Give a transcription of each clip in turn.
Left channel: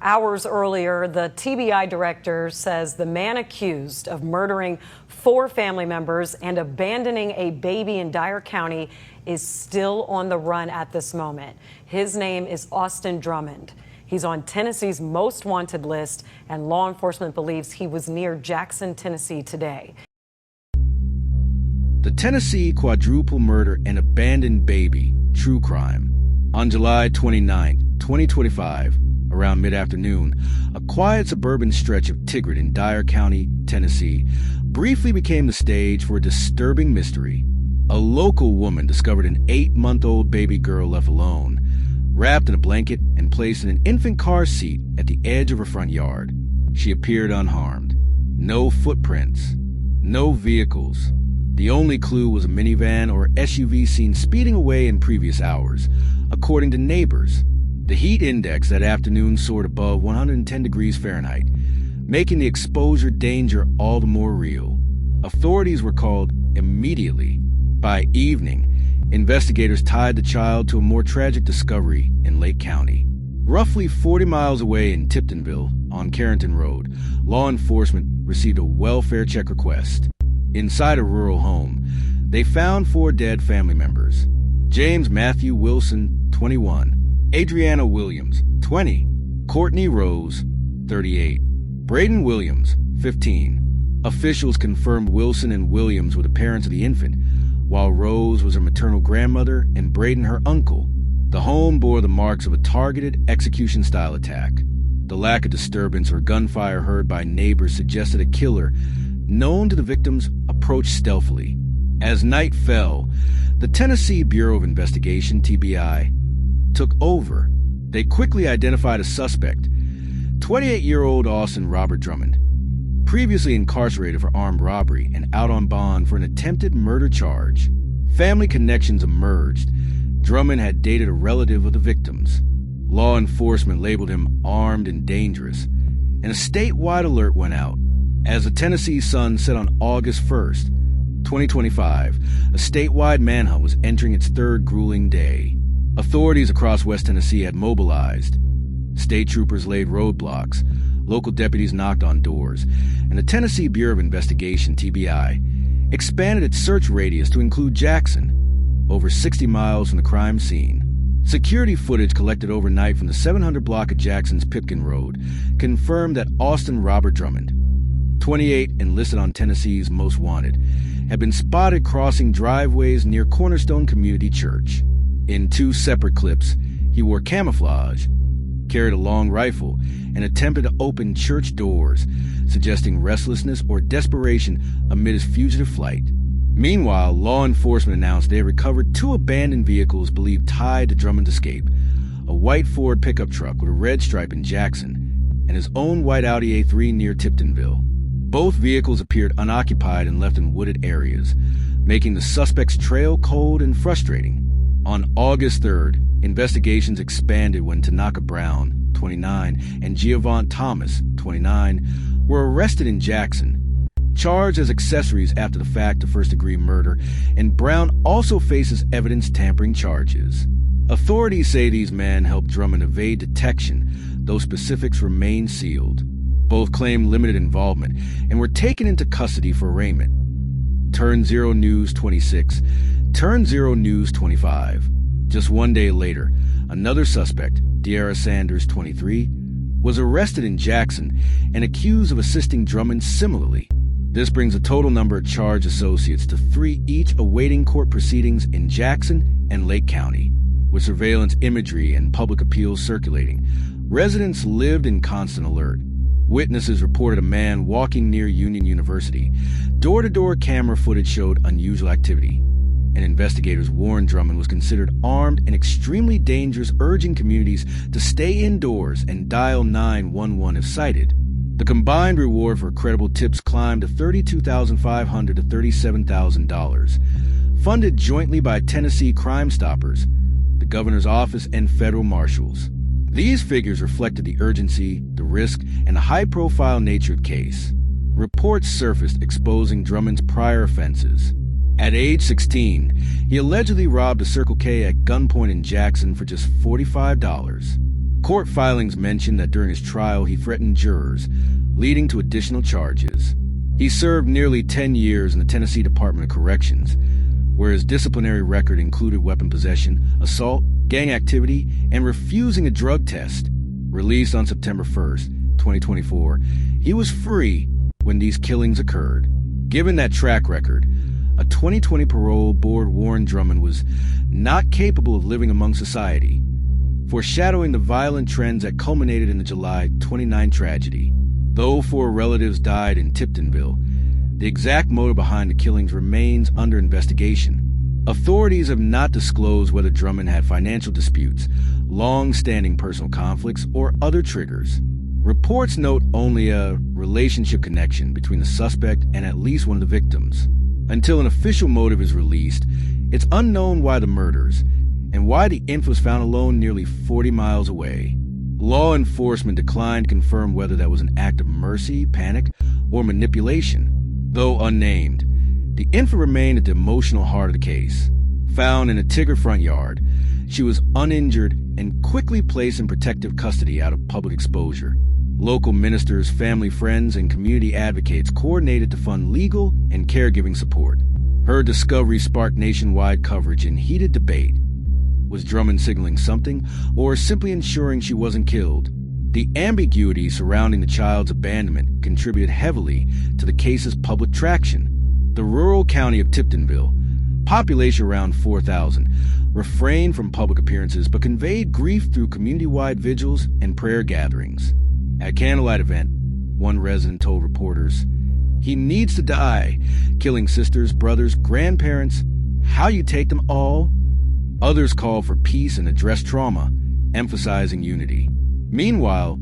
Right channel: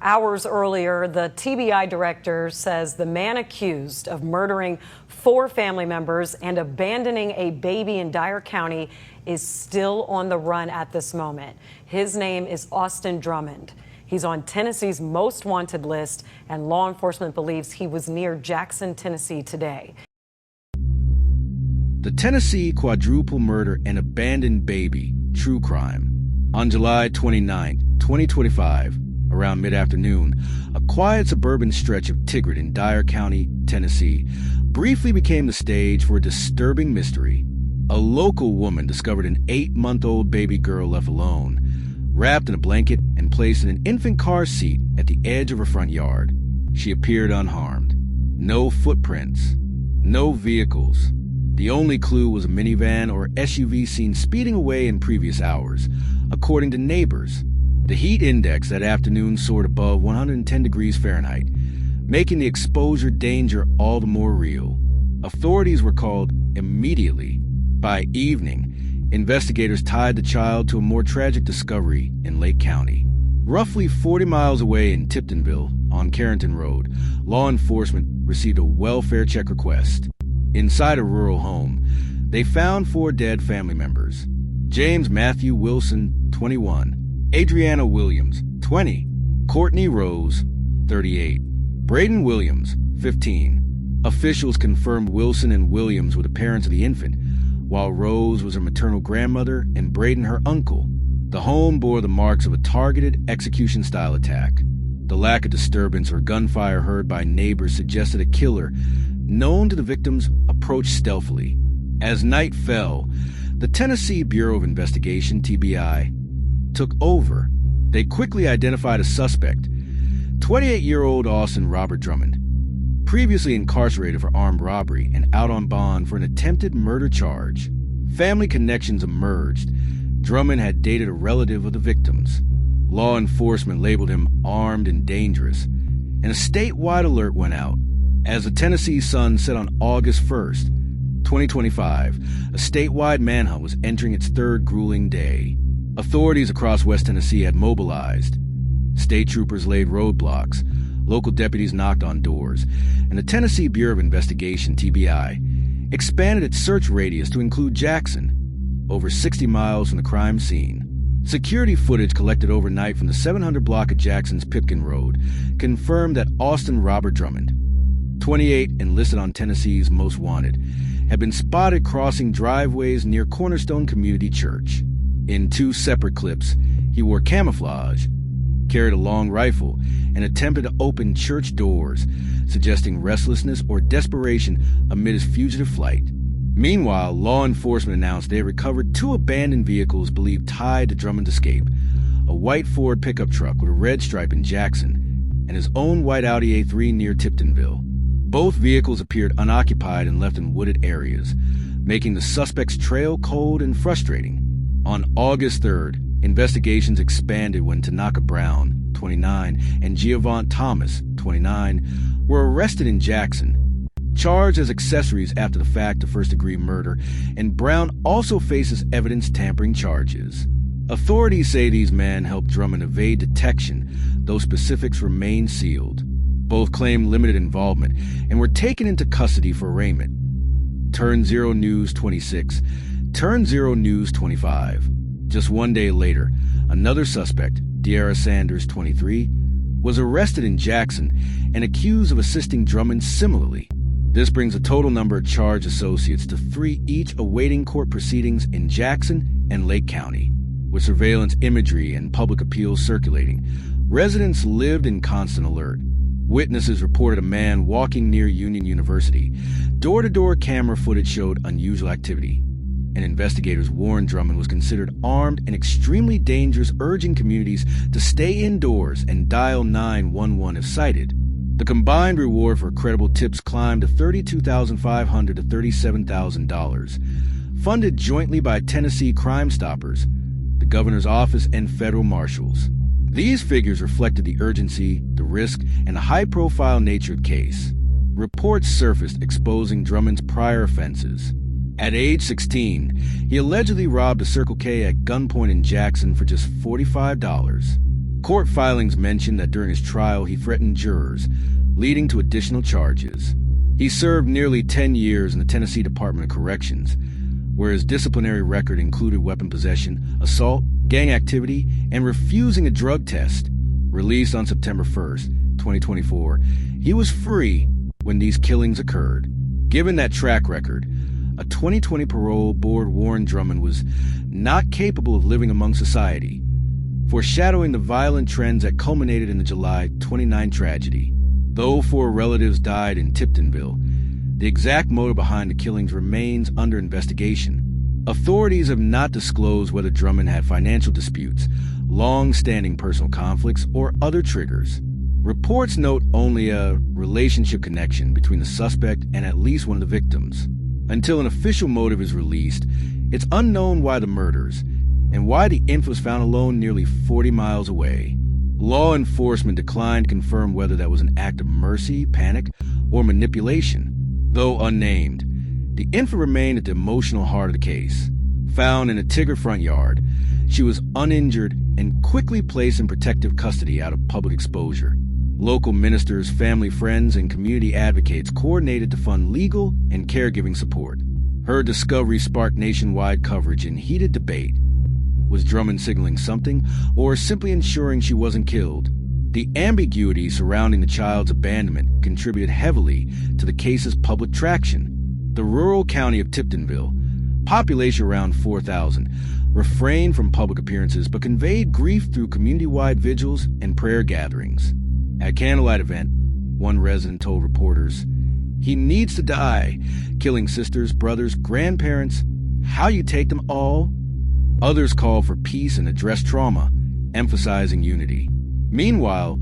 Hours earlier, the TBI director says the man accused of murdering 4 family members and abandoning a baby in Dyer County is still on the run at this moment. His name is Austin Drummond. He's on Tennessee's most wanted list, and law enforcement believes he was near Jackson, Tennessee today. The Tennessee quadruple murder and abandoned baby, true crime. On July 29, 2025, around mid-afternoon, a quiet suburban stretch of Tigard in Dyer County, Tennessee, briefly became the stage for a disturbing mystery. A local woman discovered an 8-month-old baby girl left alone, wrapped in a blanket and placed in an infant car seat at the edge of her front yard. She appeared unharmed. No footprints. No vehicles. The only clue was a minivan or SUV seen speeding away in previous hours, according to neighbors. The heat index that afternoon soared above 110 degrees Fahrenheit, making the exposure danger all the more real. Authorities were called immediately. By evening, investigators tied the child to a more tragic discovery in Lake County. Roughly 40 miles away in Tiptonville on Carrington Road, law enforcement received a welfare check request. Inside a rural home, they found 4 dead family members. James Matthew Wilson, 21. Adriana Williams, 20. Courtney Rose, 38. Braden Williams, 15. Officials confirmed Wilson and Williams were the parents of the infant, while Rose was her maternal grandmother and Braden her uncle. The home bore the marks of a targeted execution-style attack. The lack of disturbance or gunfire heard by neighbors suggested a killer, known to the victims, approached stealthily. As night fell, the Tennessee Bureau of Investigation, TBI, took over. They quickly identified a suspect, 28-year-old Austin Robert Drummond, previously incarcerated for armed robbery and out on bond for an attempted murder charge. Family connections emerged. Drummond had dated a relative of the victims. Law enforcement labeled him armed and dangerous, and a statewide alert went out. As the Tennessee Sun said on August 1st, 2025, a statewide manhunt was entering its 3rd grueling day. Authorities across West Tennessee had mobilized. State troopers laid roadblocks, local deputies knocked on doors, and the Tennessee Bureau of Investigation, TBI, expanded its search radius to include Jackson, over 60 miles from the crime scene. Security footage collected overnight from the 700 block of Jackson's Pipkin Road confirmed that Austin Robert Drummond, 28 and listed on Tennessee's Most Wanted, had been spotted crossing driveways near Cornerstone Community Church. In 2 separate clips, he wore camouflage, carried a long rifle, and attempted to open church doors, suggesting restlessness or desperation amid his fugitive flight. Meanwhile, law enforcement announced they had recovered 2 abandoned vehicles believed tied to Drummond's escape, a white Ford pickup truck with a red stripe in Jackson, and his own white Audi A3 near Tiptonville. Both vehicles appeared unoccupied and left in wooded areas, making the suspect's trail cold and frustrating. On August 3rd, investigations expanded when Tanaka Brown, 29, and Giovant Thomas, 29, were arrested in Jackson, charged as accessories after the fact to first-degree murder, and Brown also faces evidence tampering charges. Authorities say these men helped Drummond evade detection, though specifics remain sealed. Both claimed limited involvement and were taken into custody for arraignment. Turn Zero News 26, Turn Zero News 25. Just 1 day later, another suspect, De'Ara Sanders, 23, was arrested in Jackson and accused of assisting Drummond similarly. This brings the total number of charged associates to 3 each awaiting court proceedings in Jackson and Lake County. With surveillance imagery and public appeals circulating, residents lived in constant alert. Witnesses reported a man walking near Union University. Door-to-door camera footage showed unusual activity, and investigators warned Drummond was considered armed and extremely dangerous, urging communities to stay indoors and dial 911 if sighted. The combined reward for credible tips climbed to $32,500 to $37,000, funded jointly by Tennessee Crime Stoppers, the governor's office, and federal marshals. These figures reflected the urgency, the risk, and the high-profile nature of the case. Reports surfaced exposing Drummond's prior offenses. At age 16, he allegedly robbed a Circle K at gunpoint in Jackson for just $45. Court filings mention that during his trial he threatened jurors, leading to additional charges. He served nearly 10 years in the Tennessee Department of Corrections, where his disciplinary record included weapon possession, assault, gang activity, and refusing a drug test. Released on September 1st, 2024, he was free when these killings occurred. Given that track record, a 2020 parole board warned Drummond was not capable of living among society, foreshadowing the violent trends that culminated in the July 29 tragedy. Though 4 relatives died in Tiptonville, the exact motive behind the killings remains under investigation. Authorities have not disclosed whether Drummond had financial disputes, long-standing personal conflicts, or other triggers. Reports note only a relationship connection between the suspect and at least one of the victims. Until an official motive is released, it's unknown why the murders, and why the infant was found alone nearly 40 miles away. Law enforcement declined to confirm whether that was an act of mercy, panic, or manipulation. Though unnamed, the infant remained at the emotional heart of the case. Found in a Tigger front yard, she was uninjured and quickly placed in protective custody out of public exposure. Local ministers, family friends, and community advocates coordinated to fund legal and caregiving support. Her discovery sparked nationwide coverage and heated debate. Was Drummond signaling something, or simply ensuring she wasn't killed? The ambiguity surrounding the child's abandonment contributed heavily to the case's public traction. The rural county of Tiptonville, population around 4,000, refrained from public appearances but conveyed grief through community-wide vigils and prayer gatherings. At a candlelight event, one resident told reporters, "He needs to die, killing sisters, brothers, grandparents. How you take them all?" Others called for peace and addressed trauma, emphasizing unity. Meanwhile,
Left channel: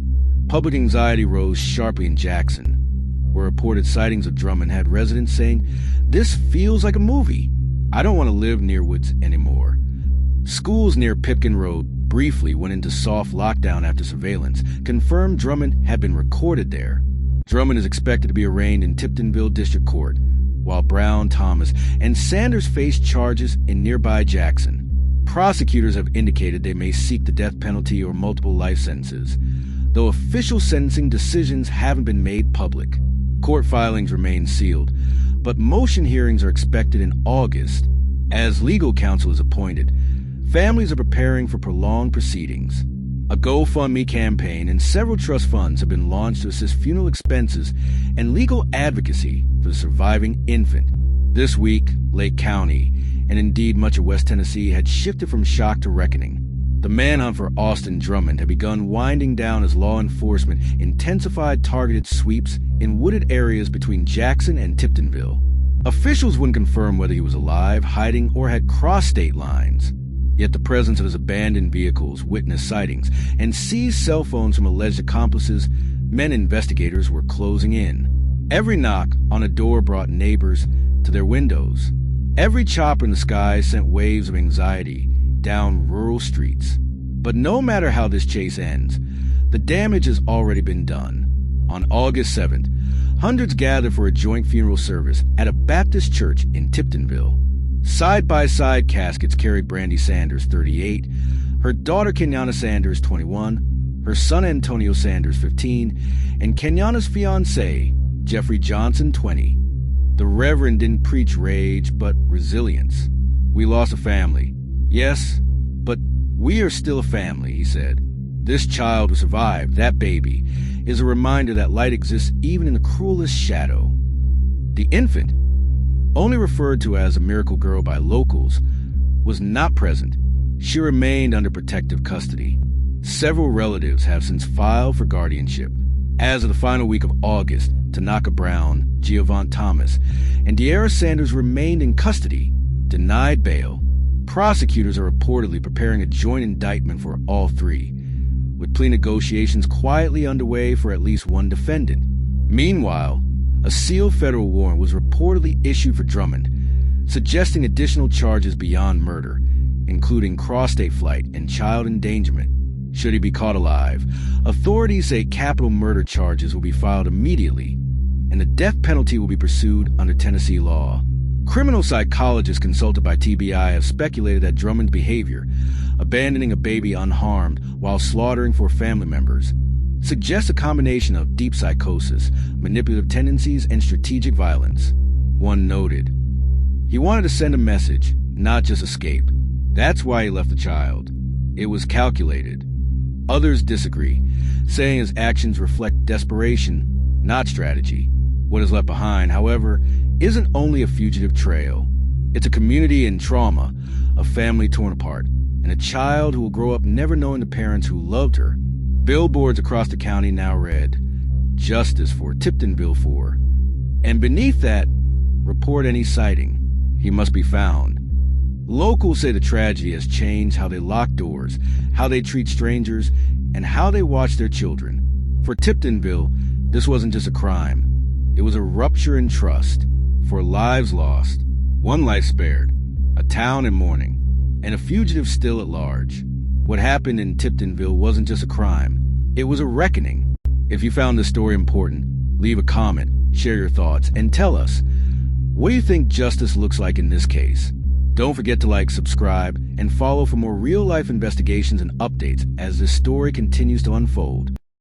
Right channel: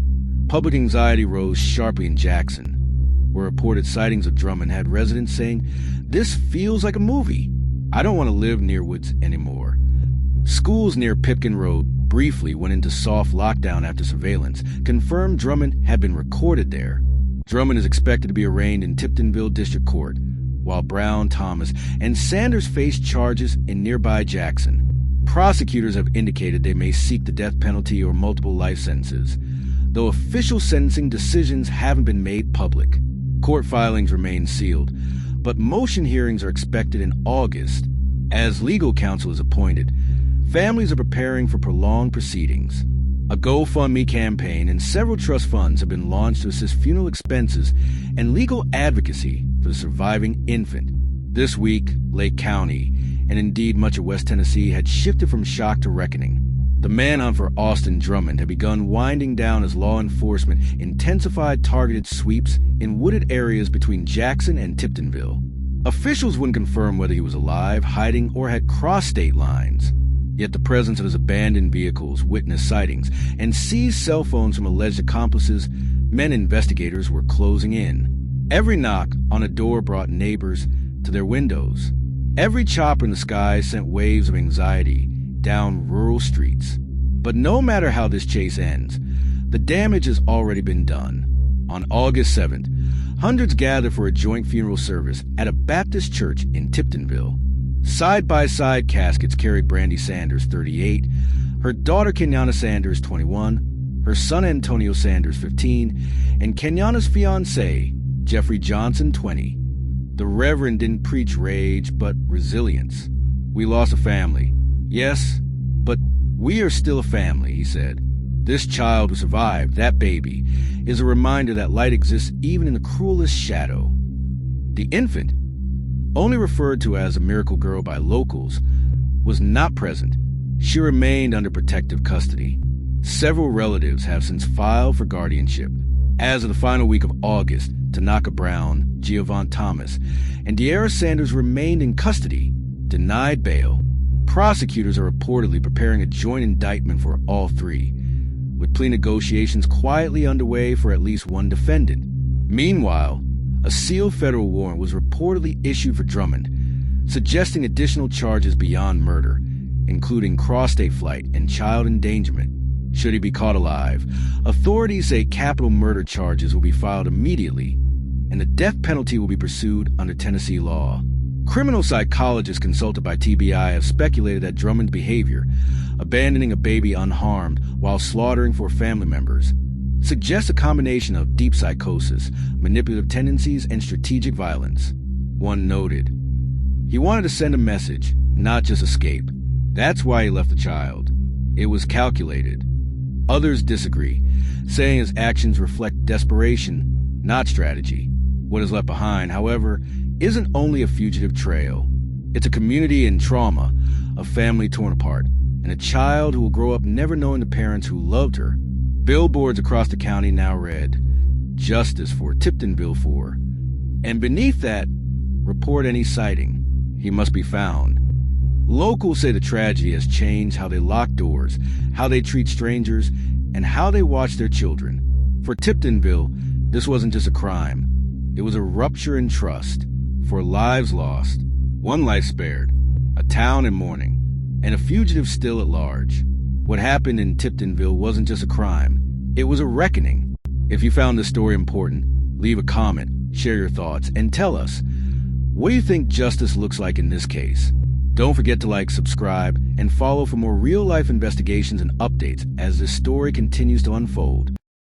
public anxiety rose sharply in Jackson, where reported sightings of Drummond had residents saying, "This feels like a movie. I don't want to live near woods anymore." Schools near Pipkin Road briefly went into soft lockdown after surveillance confirmed Drummond had been recorded there. Drummond is expected to be arraigned in Tiptonville District Court, while Brown, Thomas, and Sanders face charges in nearby Jackson. Prosecutors have indicated they may seek the death penalty or multiple life sentences, though official sentencing decisions haven't been made public. Court filings remain sealed, but motion hearings are expected in August. As legal counsel is appointed, families are preparing for prolonged proceedings. A GoFundMe campaign and several trust funds have been launched to assist funeral expenses and legal advocacy for the surviving infant. This week, Lake County, and indeed much of West Tennessee, had shifted from shock to reckoning. The manhunt for Austin Drummond had begun winding down as law enforcement intensified targeted sweeps in wooded areas between Jackson and Tiptonville. Officials wouldn't confirm whether he was alive, hiding, or had crossed state lines. Yet the presence of his abandoned vehicles, witnessed sightings, and seized cell phones from alleged accomplices meant investigators were closing in. Every knock on a door brought neighbors to their windows. Every chopper in the sky sent waves of anxiety down rural streets. But no matter how this chase ends, the damage has already been done. On August 7th, hundreds gathered for a joint funeral service at a Baptist church in Tiptonville. Side-by-side caskets carried Brandy Sanders, 38, her daughter Kenyana Sanders, 21, her son Antonio Sanders, 15, and Kenyana's fiancé, Jeffrey Johnson, 20. The Reverend didn't preach rage, but resilience. "We lost a family. Yes, but we are still a family," he said. "This child who survived, that baby, is a reminder that light exists even in the cruelest shadow." The infant, only referred to as a miracle girl by locals, was not present. She remained under protective custody. Several relatives have since filed for guardianship. As of the final week of August, Tanaka Brown, Giovanni Thomas, and De'Ara Sanders remained in custody, denied bail. Prosecutors are reportedly preparing a joint indictment for all three, with plea negotiations quietly underway for at least one defendant. Meanwhile, a sealed federal warrant was reportedly issued for Drummond, suggesting additional charges beyond murder, including cross-state flight and child endangerment. Should he be caught alive, authorities say capital murder charges will be filed immediately, and the death penalty will be pursued under Tennessee law. Criminal psychologists consulted by TBI have speculated that Drummond's behavior, abandoning a baby unharmed while slaughtering for family members, suggests a combination of deep psychosis, manipulative tendencies, and strategic violence. One noted, "He wanted to send a message, not just escape. That's why he left the child. It was calculated." Others disagree, saying his actions reflect desperation, not strategy. What is left behind, however, isn't only a fugitive trail. It's a community in trauma, a family torn apart, and a child who will grow up never knowing the parents who loved her. Billboards across the county now read, "Justice for Tiptonville 4." And beneath that, "Report any sighting. He must be found." Locals say the tragedy has changed how they lock doors, how they treat strangers, and how they watch their children. For Tiptonville, this wasn't just a crime. It was a rupture in trust. 4 lives lost, 1 life spared, a town in mourning, and a fugitive still at large. What happened in Tiptonville wasn't just a crime. It was a reckoning. If you found this story important, leave a comment, share your thoughts, and tell us, what do you think justice looks like in this case? Don't forget to like, subscribe, and follow for more real-life investigations and updates as this story continues to unfold.